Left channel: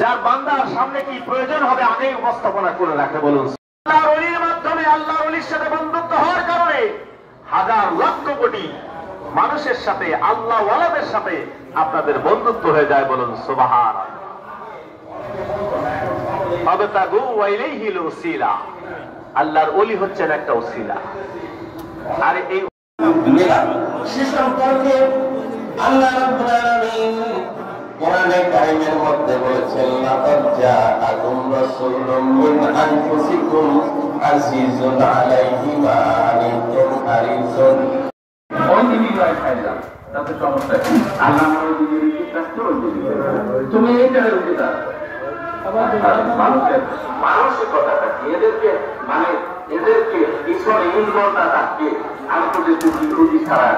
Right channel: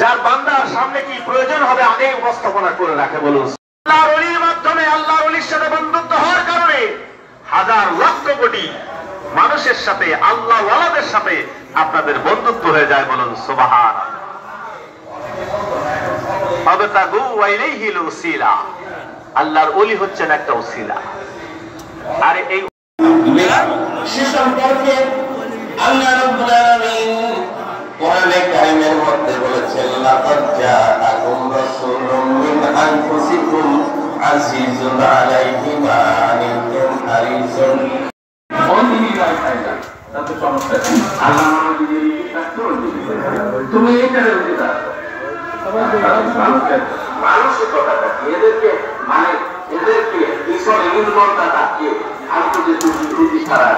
যার বান্দার সামনে কি প্রয়োজন হবে আগে উপস্থাপনা করে রাখে বলুন। আল্লাহর ওলির মাধ্যমে আল্লাহর ওলির সাথে বন্ধুত্ব হওয়ার কারণে হাজার লক্ষ কোটি মানুষের সাথে আল্লাহ ওয়ালাদের সাথে আপনাদের বন্ধুত্ব হয়ে যায় বলুন সুবহানাল্লাহ। আবতাগু ওয়াইলাইহিল উসিলা, আল্লাহর ওলি হচ্ছেন একটা উসিলা। আর এই সম্পর্কে আল্লাহ রাব্বুল আলামিন কোরআনে কারিমের মধ্যে বলেছেন, লাকাদ জাআকুম রাসূলুম মিন আনফুসিকুম আজিজুন আলাইহি মা আনিতুম হারিসুন। তাতে সমস্যা নেই, আল্লাহ তুমি এটা বুঝিটা মানসিকতাটা এদেরকে মানে এদেরকে ঈশ্বর এমন মনটা থাকে আন্তর্জাতিক বিরোধী ছাড়া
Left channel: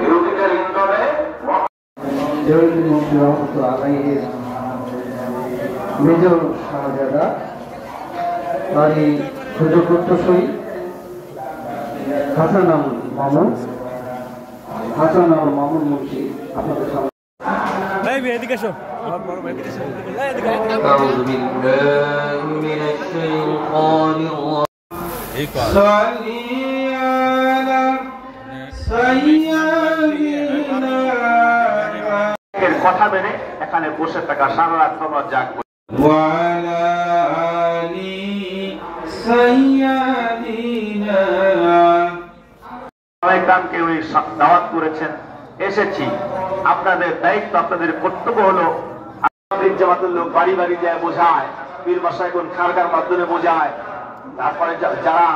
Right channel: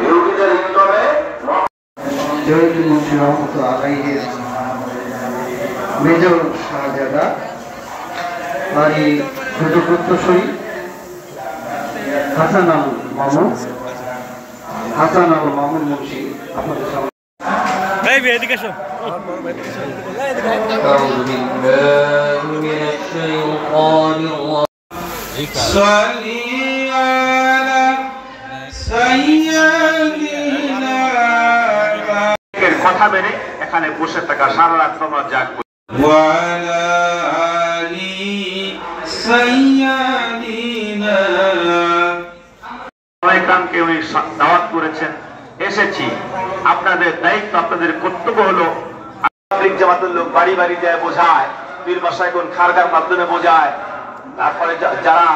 বিরোধীদের ইন্তরে জয়ুল মুন্সি রহমতুল্লাহ আলাইহির মেজর শাহজাদা বাড়ি ছোটপুত্রসই হাসান আল মামুন মুন্সি আপনাদের সামনে। أعوذ بالله من الشيطان الرجيم صلي على سيدنا এর কথা মেনে এখানে বসে থাকা সারা রাত সময় জাগবো। وعلى آل سيدنا সবাইকে উনি দাওয়াত করেছেন, এসেছি। আপনাদের দায়িত্ব, আপনাদের কর্তব্য হলো পাবলিক জামাতের লোক বাড়ি বাড়ি যায় বোঝায়, পীর মাশায়েখ খারগার মাধ্যমে বোঝায়, তারপরে যারা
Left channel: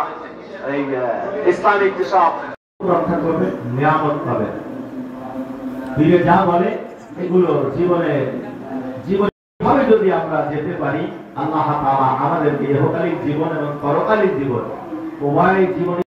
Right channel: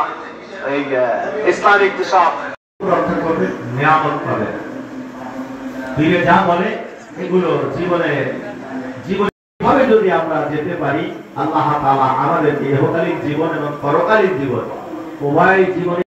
এই ইসলামিক যেসব রক্ষা করবে, নিয়ামত পাবে। পীরে যা বলে এগুলো জীবনে ভাবে যদি আমরা যেতে পারি, আল্লাহ তাআলা আমাদেরকে ইহকালীন জীবন এবং পরকালীন জীবন উভয় জীবনে